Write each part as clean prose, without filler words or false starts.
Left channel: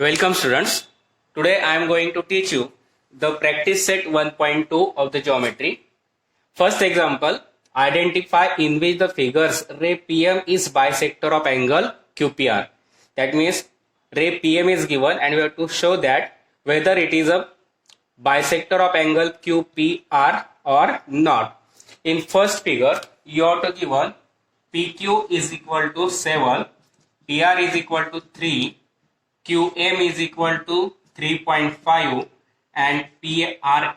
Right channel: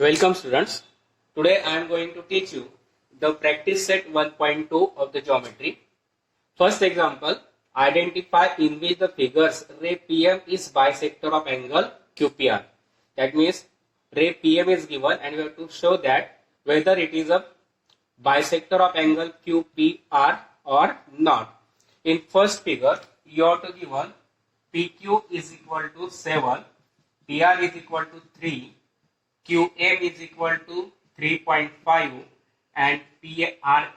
Welcome students. Today I am going to teach you the practice set 1.2 of the geometry. First example, identify in which the figures ray PM is bisector of angle QPR. That means ray PM is given and we have to show that whether it is a bisector of angle QPR or not. In first figure, you have to given PQ is equal to 7, PR is equal to 3, QM is equal to 3.5 and PRMR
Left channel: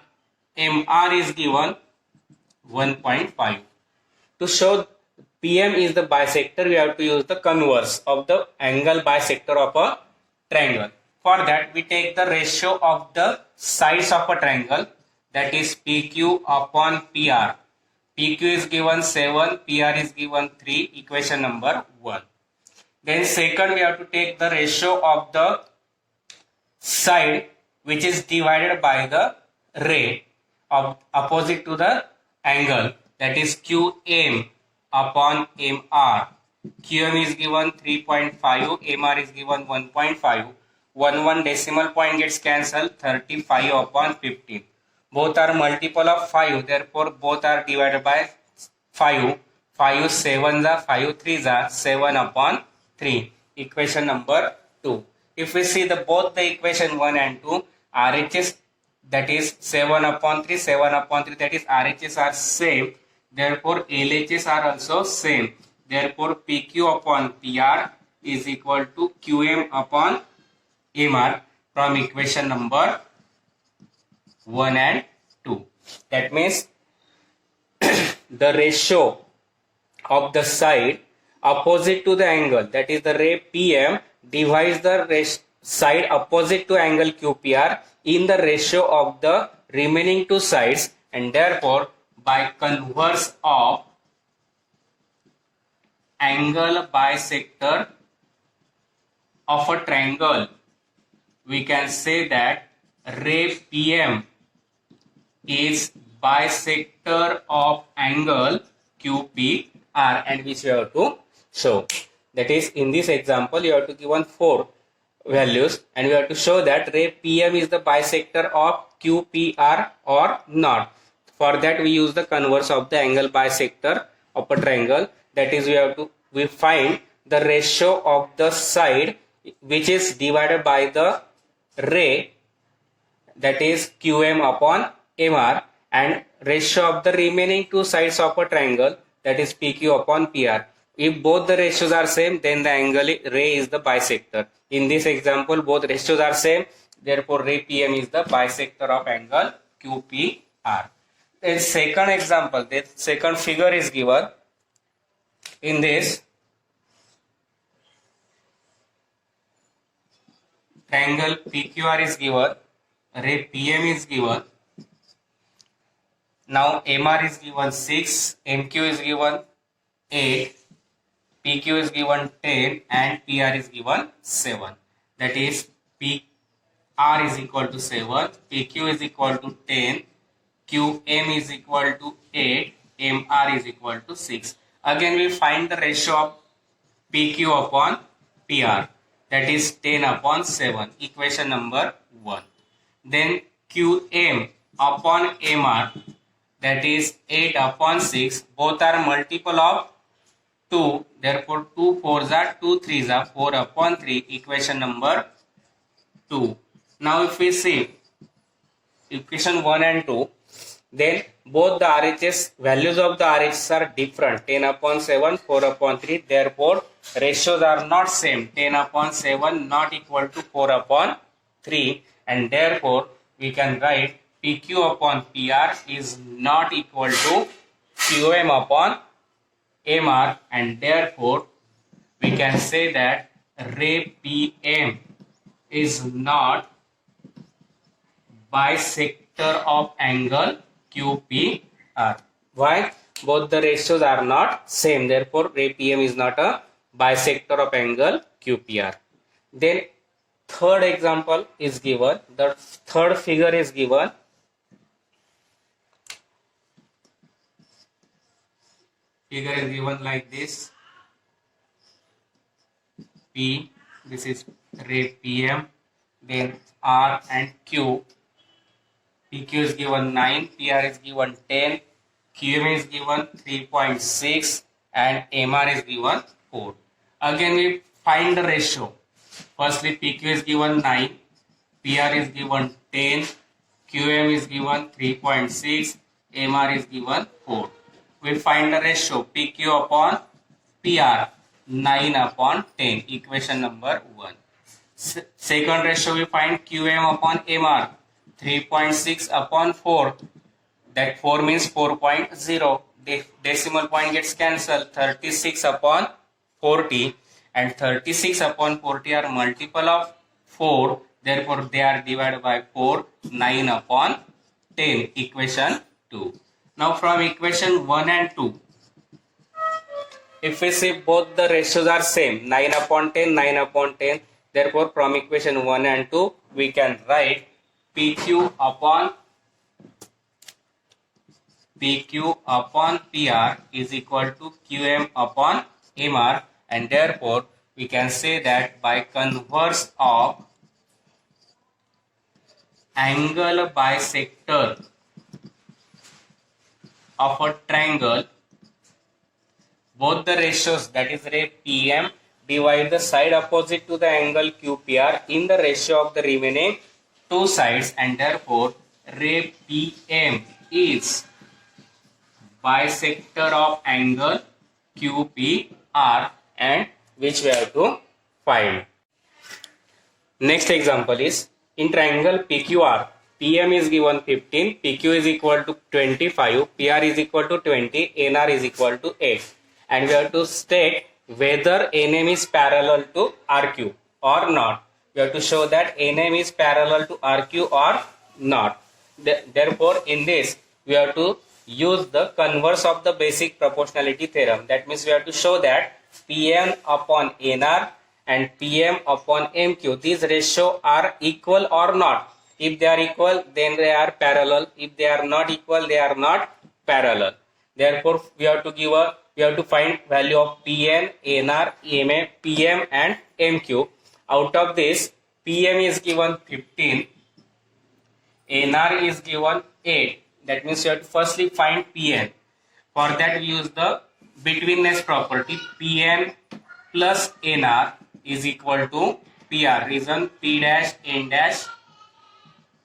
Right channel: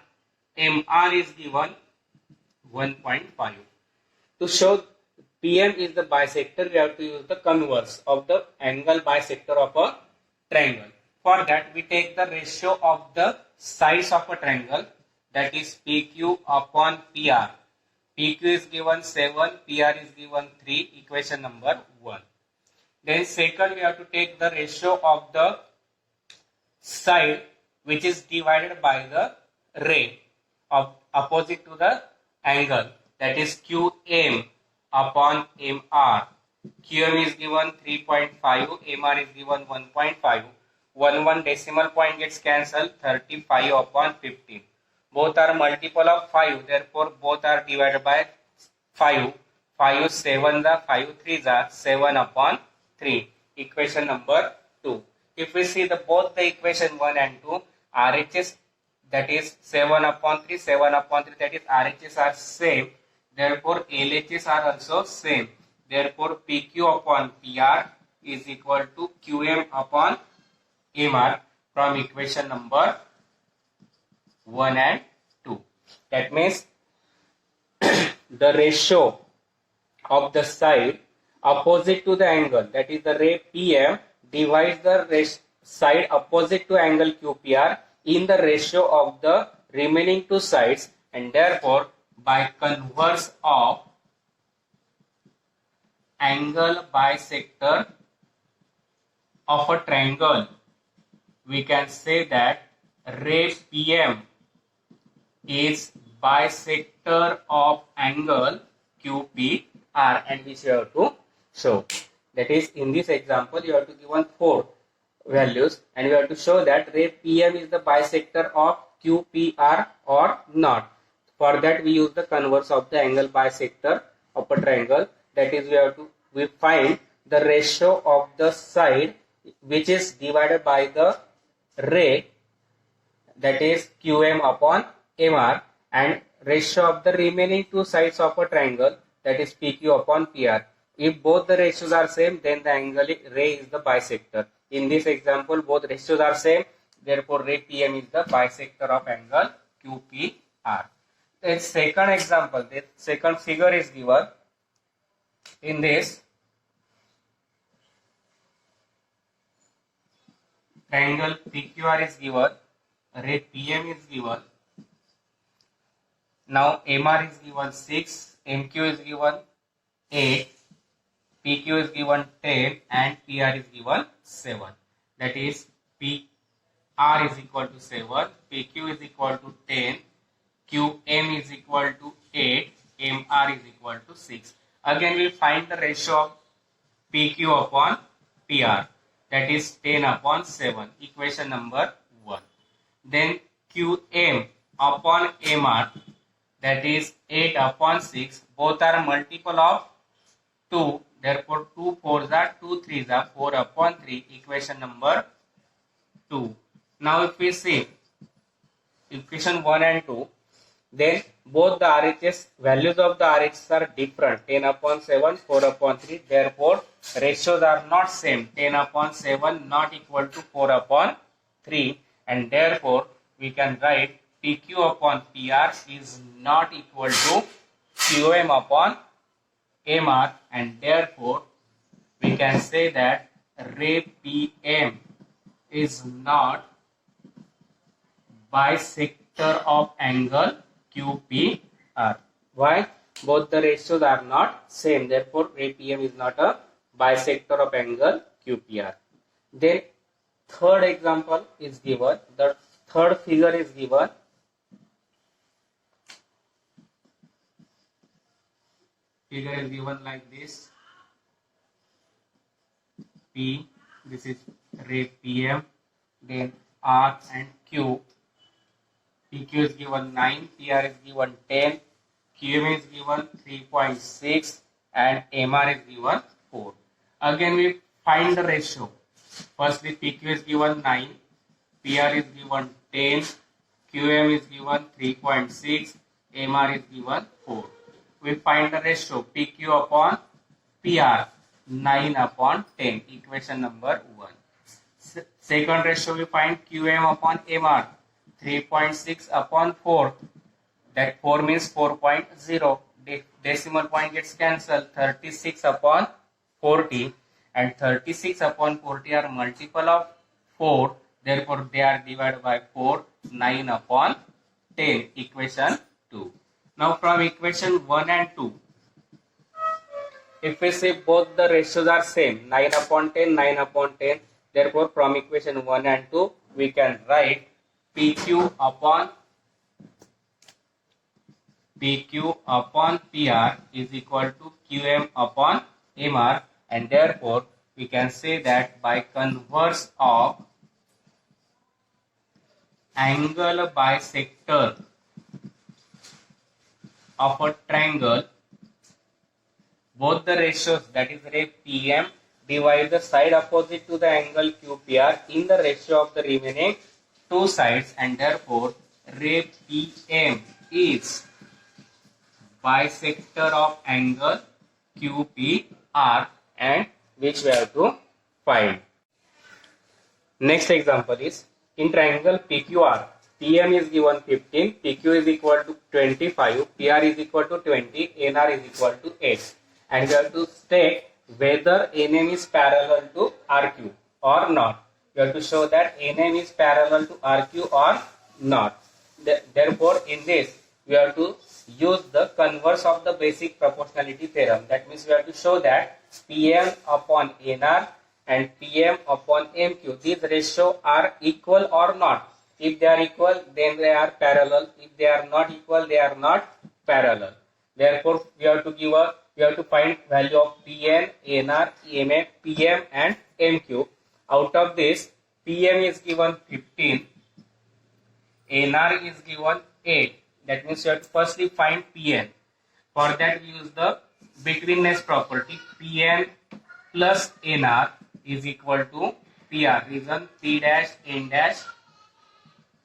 is given 1.5. To show PM is the bisector, we have to use the converse of the angle bisector of a triangle. For that, we take the ratio of the sides of a triangle, that is PQ upon PR. PQ is given 7, PR is given 3, equation number 1. Then second, we have to take the ratio of the side which is divided by the ray of opposite to the angle, that is QM upon MR. QM is given 3.5, MR is given 1.5. 1 decimal point gets cancelled, 35 upon 15. Both are multiple of 5, therefore both are divided by 5. 5 7s are 5 3s are 7 upon 3. Equation number 2. If we see the both the equation 1 and 2, RHS, that is 7 upon 3, 7 upon 3, that is RHS are same. Therefore LHS are also same. Therefore PQ upon PR is equal to QM upon MR from equation number 1 and 2. That means the ratio of the side opposite to the angle, that is the ray PM, divides the side opposite to angle QPR in the ratio of the remaining two sides, and therefore by converse of angle bisector of a triangle, we can say that ray PM is bisector of angle QPR, and which we have to show. That is, in this example you have to given 4 values and we have to show that ray PM is the bisector of QPR or not. For that we use the converse of the angle bisector of a triangle, that is we find the ratio of the side which is divided by the ray, that is QM upon MR, and ratio of the remaining two sides of a triangle, that is PQ upon PR. If both the ratios are same, then the angle ray is the bisector. In this example, both ratios are same, therefore ray PM is the bisector of angle QPR. Then second example, the second figure is given. In this, triangle PQR is given, ray PM is given. Now MR is given 6, MQ is given 8, PQ is given 10 and PR is given 7. That is PR is equal to 7, PQ is equal to 10, QM is equal to 8, MR is equal to 6. Again we find the ratio of PQ upon PR, that is 10 upon 7, equation number 1. Then QM upon MR, that is 8 upon 6, both are multiple of 2, therefore 2 4s are 2 3s are 4 upon 3, equation number 2. Now if we see equation 1 and 2, then both the RHS, values of the RHS are different, 10 upon 7, 4 upon 3, therefore ratios are not same, 10 upon 7 not equal to 4 upon 3, and therefore we can write PQ upon PR is not equal to QM upon MR, and therefore we can say that ray PM is not bisector of angle QPR. Why? Both the ratios are not same, therefore ray PM is not a bisector of angle QPR. Then third example is given, the third figure is given. Figure is given like this. P, this is ray PM, then R and Q. PQ is given 9, PR is given 10, QM is given 3.6 and MR is given 4. Again we find the ratio. Firstly PQ is given 9, PR is given 10, QM is given 3.6, MR is given 4. We find the ratio PQ upon PR 9 upon 10, equation number 1. Second ratio we find QM upon MR 3.6 upon 4, that 4 means 4.0, decimal point gets cancelled, 36 upon 40, and 36 upon 40 are multiple of 4, therefore they are divided by 4, 9 upon 10, equation 2. Now from equation 1 and 2, if we see both the ratios are same, 9 upon 10, 9 upon 10, therefore from equation 1 and 2 we can write PQ upon PR is equal to QM upon MR, and therefore we can say that by converse of angle bisector of a triangle, both the ratios, that is ray PM, divide the side opposite to the angle QPR in the ratio of the remaining two sides, and therefore ray PM is bisector of angle QPR, and which we have to find. Next example is in triangle PQR, PM is given 15, PQ is equal to 25, PR is equal to 20, NR is equal to 8, and we have to state whether NM is parallel to RQ or not. We have to show that NM is parallel to RQ or not. Therefore, in this we have to use the converse of the basic proportionality theorem. That means we have to show that Pn upon Nr and Pm upon Mq, these ratios are equal or not. If they are equal, then they are parallel. If they are not equal, they are not parallel. Therefore, we have to find value of Pn, Nr, Ma, Pm and Mq. Out of this, Pm is given 15, Nr is given 8. That means you have to firstly find Pn. For that we use the betweenness property. Pn plus Nr is equal to PR. Reason P dash N dash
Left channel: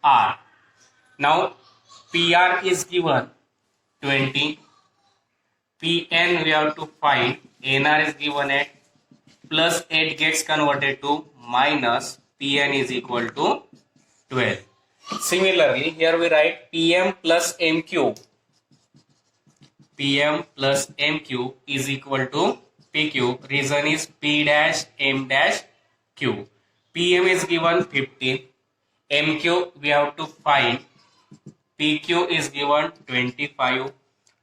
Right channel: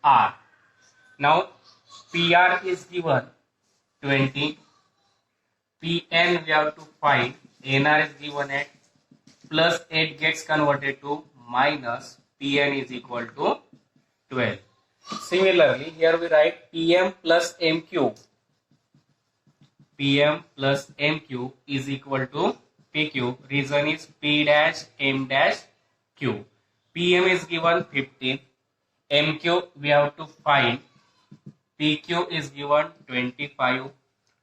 R. Now PR is given 20. Pn we have to find. Nr is given 8. Plus 8 gets converted to minus. Pn is equal to 12. Similarly, here we write Pm plus Mq. Pm plus Mq is equal to PQ. Reason is P dash M dash Q. Pm is given 15. Mq we have to find. PQ is given 25.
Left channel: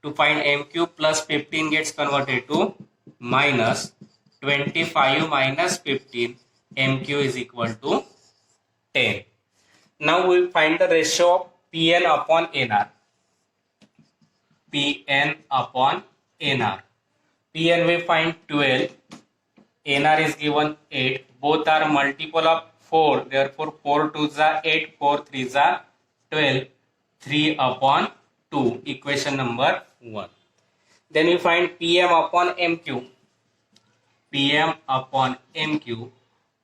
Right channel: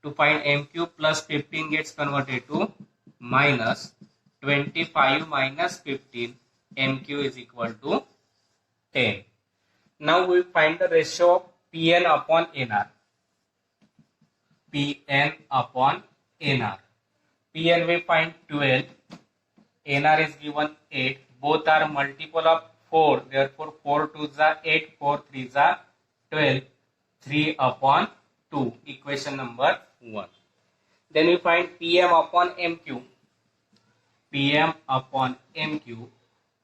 To find Mq plus 15 gets converted to minus 25 minus 15. Mq is equal to 10. Now we will find the ratio of Pn upon Nr. Pn upon Nr. Pn we find 12. Nr is given 8. Both are multiple of 4. Therefore 4 2s are 8. 4 3s are 12. 3 upon 2. Equation number 1. Then we find Pm upon Mq. Pm upon Mq.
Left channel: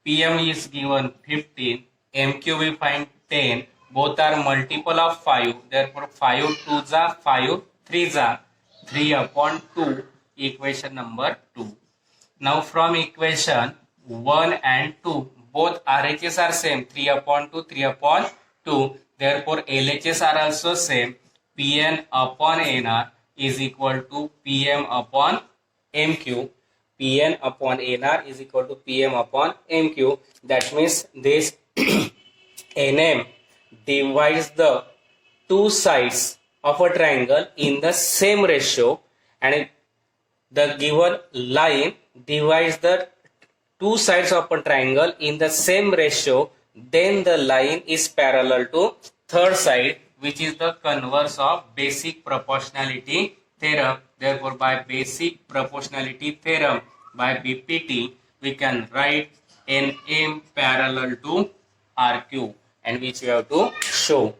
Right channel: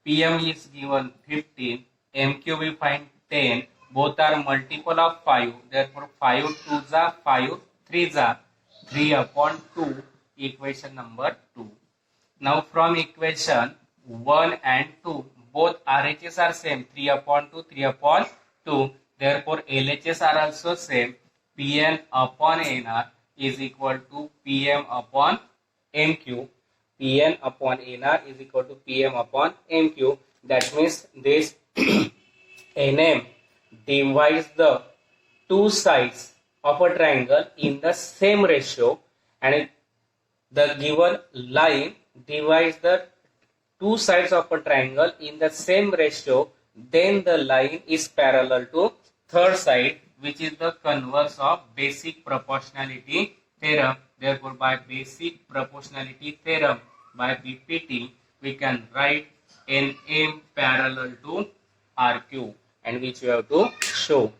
Pm is given 15. Mq we find 10. Both are multiple of 5. Therefore 5 2s are 5. 3s are 3 upon 2. Equation number 2. Now from equation 1 and 2, both RHS are same. 3 upon 2, 3 upon 2. Therefore LHS are also same. Pn upon Nr is equal to Pm upon Mq. Pn upon Nr is equal to Pm upon Mq. That means this Nm divides the two sides of a triangle in the same ratio, and the given line divides the two sides of a triangle in the same ratio, then the line is parallel to third side, which is the converse of basic proportionality theorem. Therefore, by basic proportionality theorem, by BPT, we can write NM parallel to RQ, and which we have to show.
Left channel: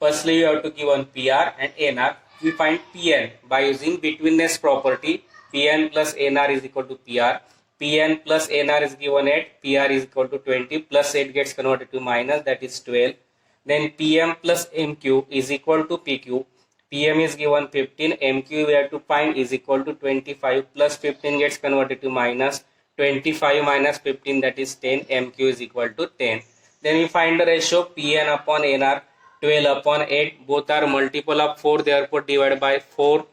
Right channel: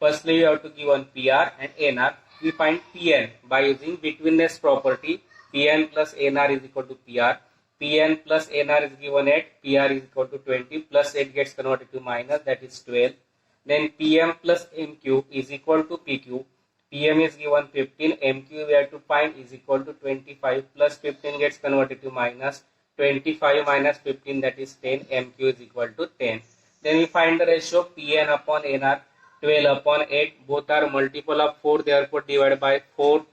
Firstly, you have to give one PR and NR. We find PN by using betweenness property. PN plus NR is equal to PR. PN plus NR is given 8. PR is equal to 20. Plus 8 gets converted to minus, that is 12. Then PM plus MQ is equal to PQ. PM is given 15. MQ we have to find is equal to 25. Plus 15 gets converted to minus. 25 minus 15, that is 10. MQ is equal to 10. Then we find the ratio PN upon NR. 12 upon 8, both are multiple of 4, therefore divided by 4.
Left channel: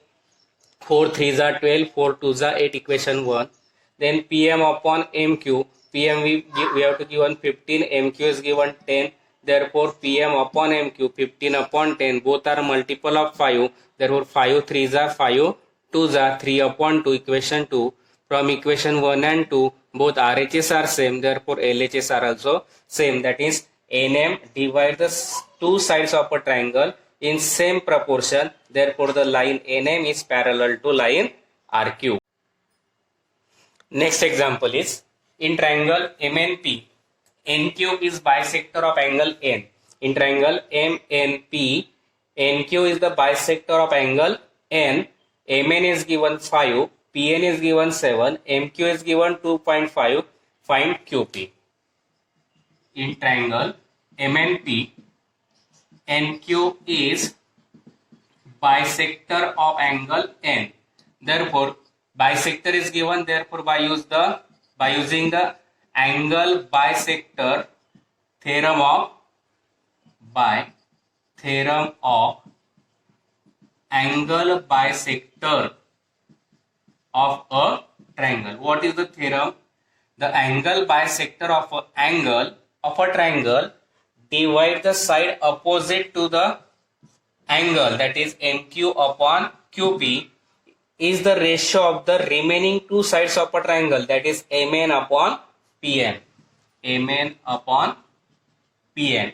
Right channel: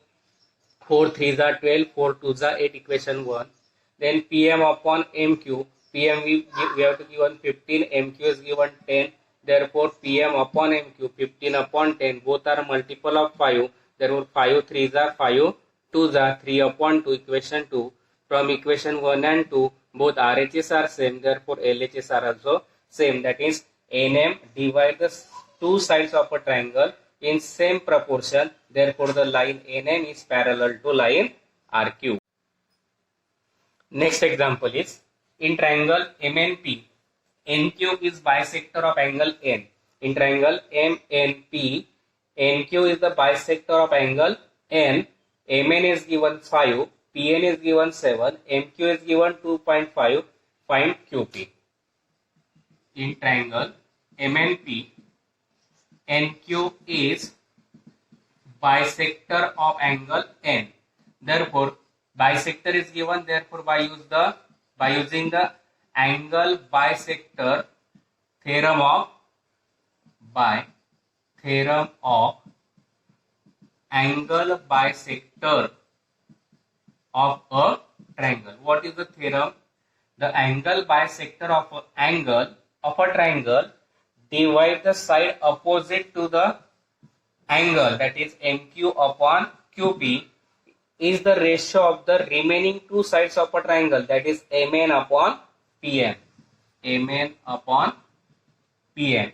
4 3s are 12, 4 2s are 8, equation 1. Then PM upon MQ. PM we have to given 15, MQ is given 10. Therefore PM upon MQ, 15 upon 10, both are multiple of 5. Therefore 5 3s are 5, 2s are 3 upon 2, equation 2. From equation 1 and 2, both RHS are same, therefore LHS are also same. That is, NM divide the two sides of a triangle in same proportion. Therefore, the line NM is parallel to line RQ. Next example is, in triangle MNP, NQ is bisector of angle N. In triangle MNP, NQ is the bisector of angle N. MN is given 5, PN is given 7, MQ is given 2.5. Find QP. In triangle MNP, NQ is bisector of angle N. Therefore, bisector is given. Therefore, by using the angle bisector theorem of angle bisector of a triangle. What is the theorem? The angle bisector of an angle of a triangle divide the side opposite to the angle, that is MQ upon QP, is the ratio of the remaining two sides of a triangle, that is MN upon PN. MN upon PN.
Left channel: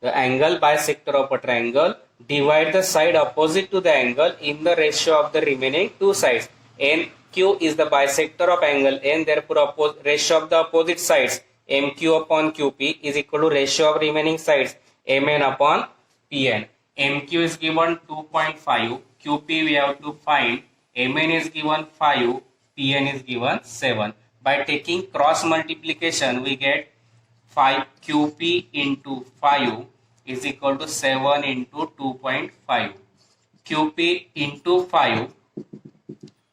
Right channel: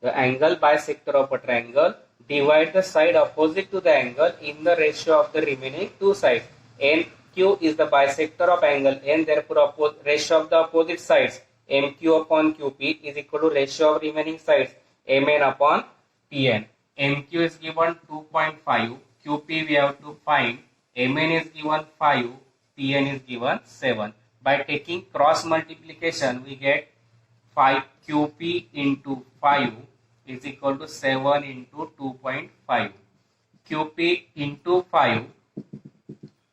The angle bisector of a triangle divide the side opposite to the angle in the ratio of the remaining two sides. NQ is the bisector of angle N, therefore ratio of the opposite sides MQ upon QP is equal to ratio of remaining sides MN upon PN. MQ is given 2.5, QP we have to find, MN is given 5, PN is given 7. By taking cross multiplication, we get 5 QP into 5 is equal to 7 into 2.5. QP into 5,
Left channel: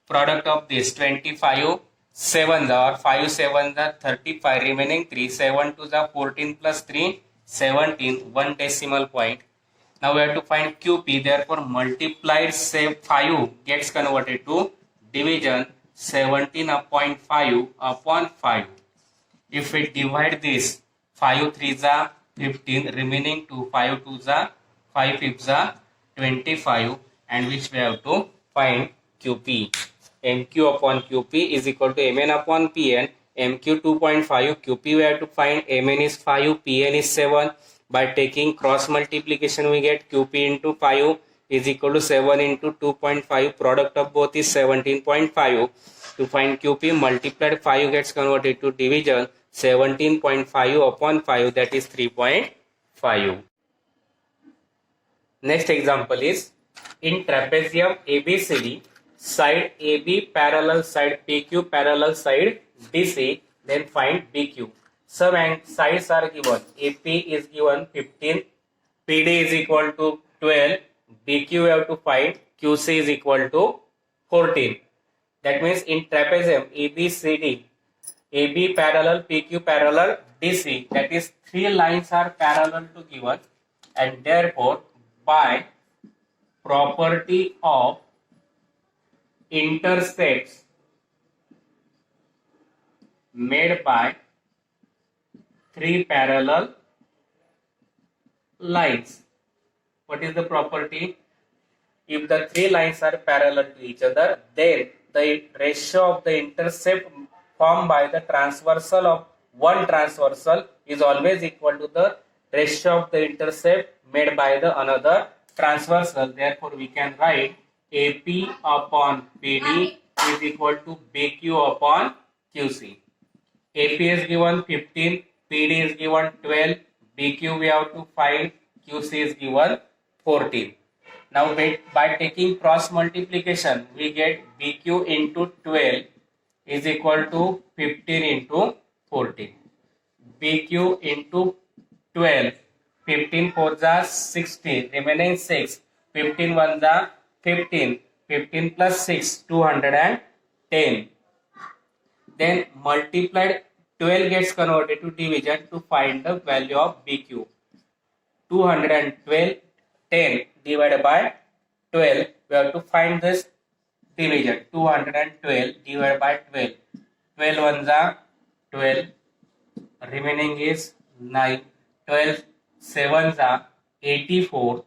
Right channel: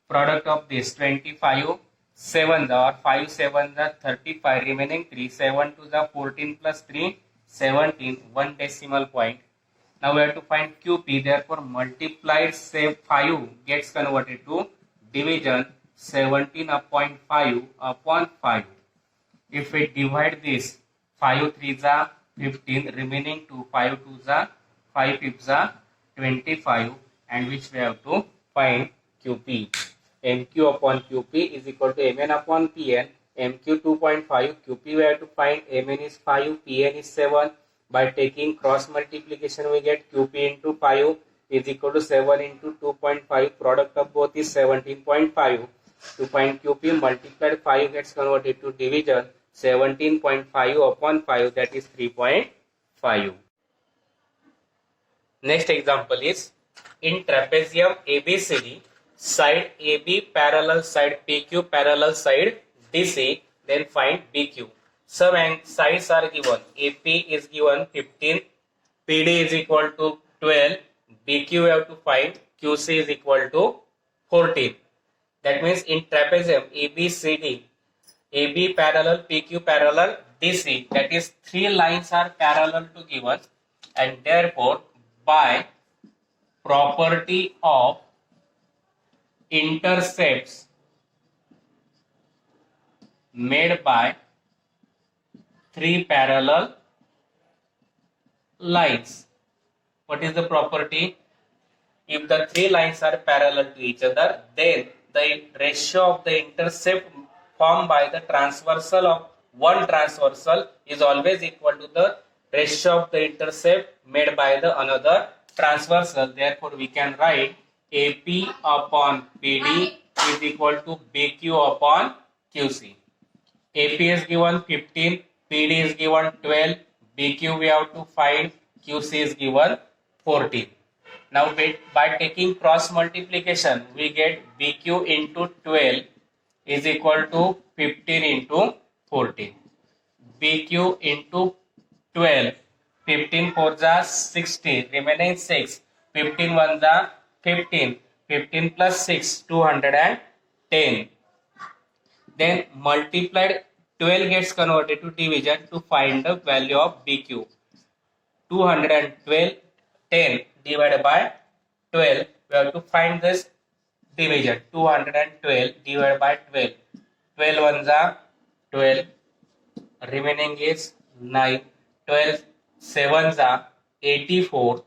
product of this 25, 7 or 5 7 the 35, remaining 3, 7 to the 14 plus 3, 17, 1 decimal point. Now we have to find QP, therefore multiplied 5 gets converted to division 17.5 upon 5. If we divide this, 5 3s are 15, remaining 2, 5 2s are 5 5s are 25, and which we have to find QP. MQ upon QP is equal to MN upon PN. MQ 2.5, QP we have to find, MN is 5, PN is 7. By taking cross multiplication, we get QP into 5 is equal to 7 into 2.5. Product of both is 17.5. To find QP, multiplied 5 gets converted to division 17.5 upon 5, that is 3.5. Next example is, in trapezium ABCD, side AB parallel side PQ parallel side DC, then find BQ. Some sides are given. AP is given 15, PD is equal to 12, BQ we have to find, QC is equal to 14. That means in trapezium ABCD, AB parallel, PQ parallel, DC, that is 3 lines are parallel to given, and therefore by property of intercepts made by 3 parallel lines. What is the property? If the 3 lines are parallel to each other, then the ratio of the intercept formed by the transversal of one transversal is always equal to the ratio of the intercept made by the another transversal. Therefore, we can write AP upon PD is equal to BQ upon QC. AP is given 15, PD is given 12, BQ we have to find, QC is given 14. Now by taking cross multiplication, we get BQ into 12 is equal to 15 into 14. BQ into 12, 15 4 जा 60, remaining 6, 15 1 जा 15, 15 plus 6, 210. Then multiplied 12 gets converted to division to find the value of BQ. 212, 10 divided by 12. We have to find this division. 212 divided by 12. 12 ones are 12. Remaining is 9. 12 sevens are 84.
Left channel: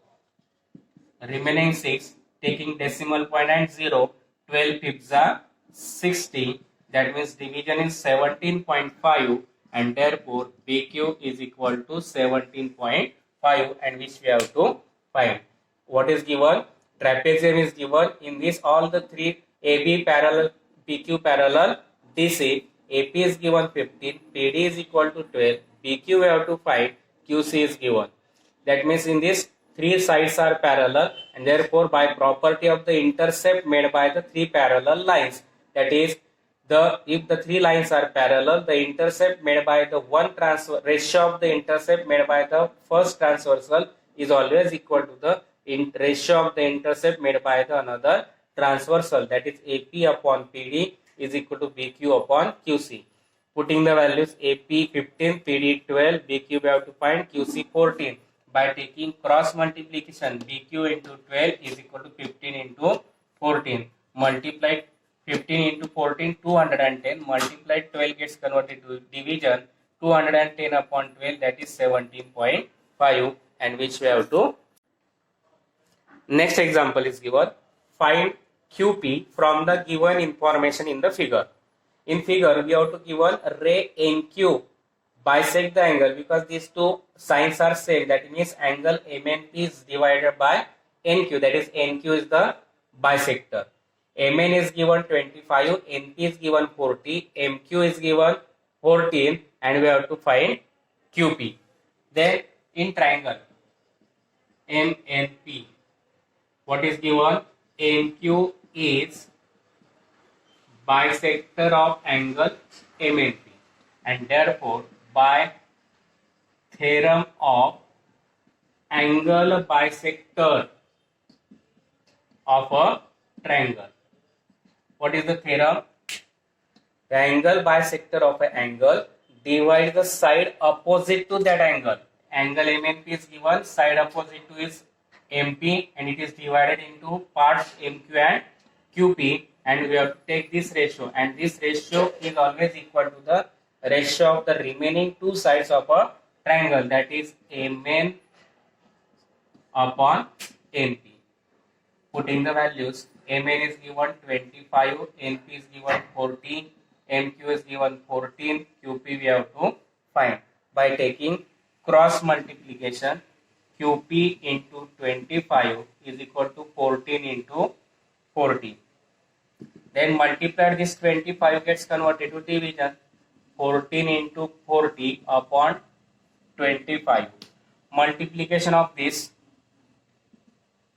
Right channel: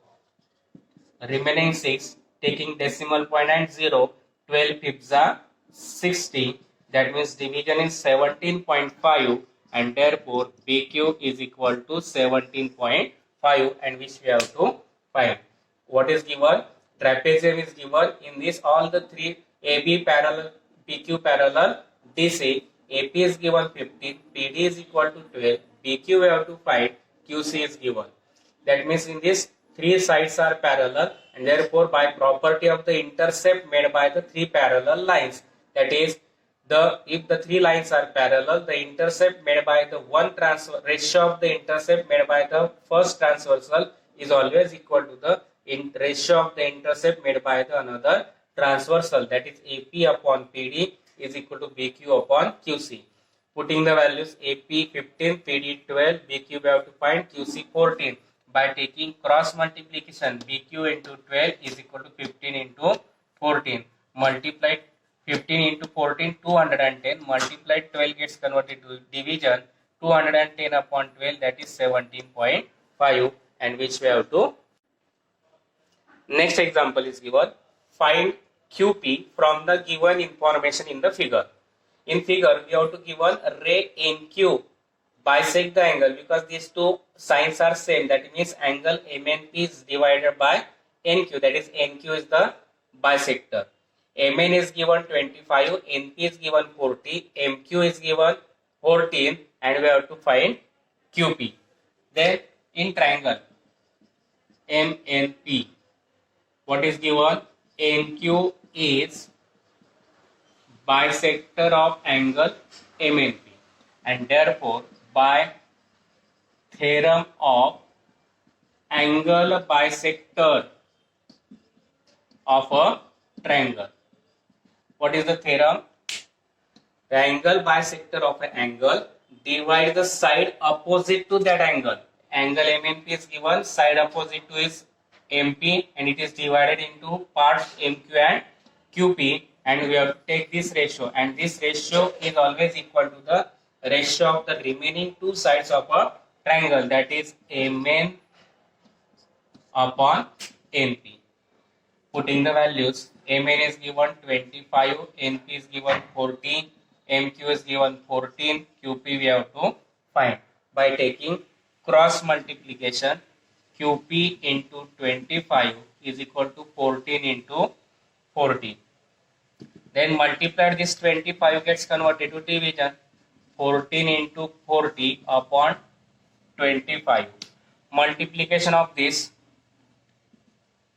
Remaining 6. Taking decimal point and 0. 12 fifths are 60. That means division is 17.5 and therefore BQ is equal to 17.5 and which we have to find. What is given? Trapezium is given. In this all the three AB parallel, PQ parallel, DC, AP is given 15, PD is equal to 12, BQ we have to find, QC is given. That means in this three sides are parallel and therefore by property of the intercept made by the three parallel lines, that is if the three lines are parallel, the intercept made by the one transfer ratio of the intercept made by the first transversal is always equal to the ratio of the intercept made by the another transversal, that is AP upon PD is equal to BQ upon QC. Putting the values AP 15, PD 12, BQ we have to find, QC 14. By taking cross multiplication, BQ into 12 is equal to 15 into 14. Multiplied 15 into 14, 210. Multiplied 12 gets converted to division. 210 upon 12, that is 17.5 and which we have to. Next example is given. Find QP from the given information in the figure. In figure, we have to given ray NQ bisect the angle because these two signs are same. That means angle MNP is divided by NQ. That is NQ is the bisector. MN is given 25, NP is given 40, MQ is given 14 and we have to find QP. Then in triangle MNP, what is given? NQ is bisector of angle MNP and therefore by theorem of angle bisector of a triangle. What is the theorem? The angle bisector of an angle divide the side opposite to that angle. Angle MNP is given, side opposite to is MP and it is divided into parts MQ and QP and we have to take this ratio and this ratio is always equal to the ratio of the remaining two sides of a triangle, that is MN upon NP. Putting the values, MN is given 25, NP is given 14, MQ is given 14, QP we have to find. By taking cross multiplication, QP into 25 is equal to 14 into 40. Then multiply this 25 gets converted to division. 14 into 40 upon 25. Multiplication of this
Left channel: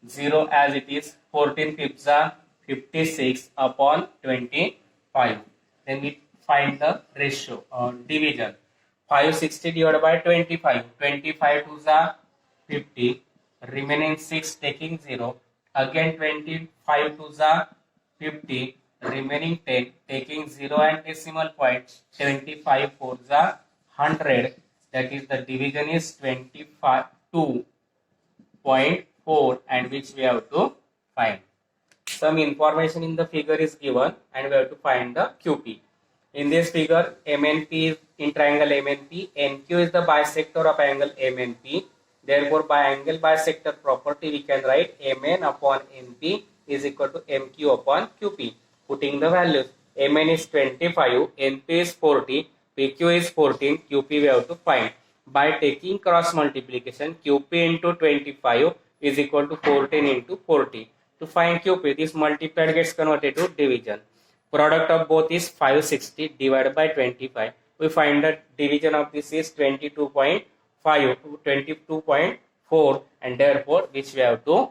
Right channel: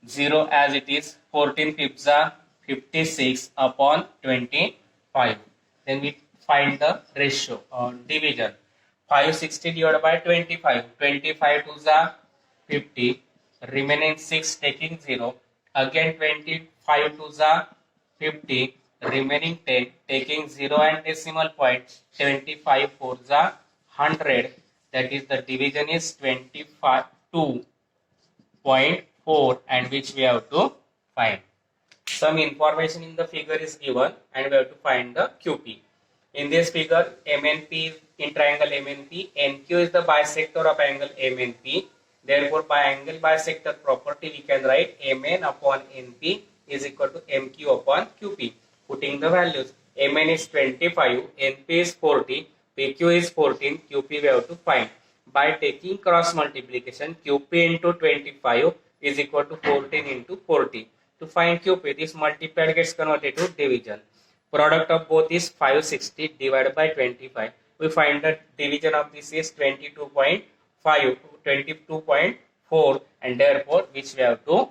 0 as it is, 14 fifths are 56 upon 25. Then we find the ratio on division. 560 divided by 25. 25 twos are 50. Remaining 6 taking 0. Again 25 twos are 50. Remaining 10 taking 0 and decimal point. 75 fours are 100. That is the division is 22.4 and which we have to find. Some information in the figure is given and we have to find the QP. In this figure, MNP is in triangle MNP, NQ is the bisector of angle MNP. Therefore, by angle bisector property, we can write MN upon NP is equal to MQ upon QP. Putting the values, MN is 25, NP is 40, PQ is 14, QP we have to find. By taking cross multiplication, QP into 25 is equal to 14 into 40. To find QP, this multiplied gets converted to division. Product of both is 560 divided by 25. we find that division of this is 22.5 to 22.4, and therefore which we have to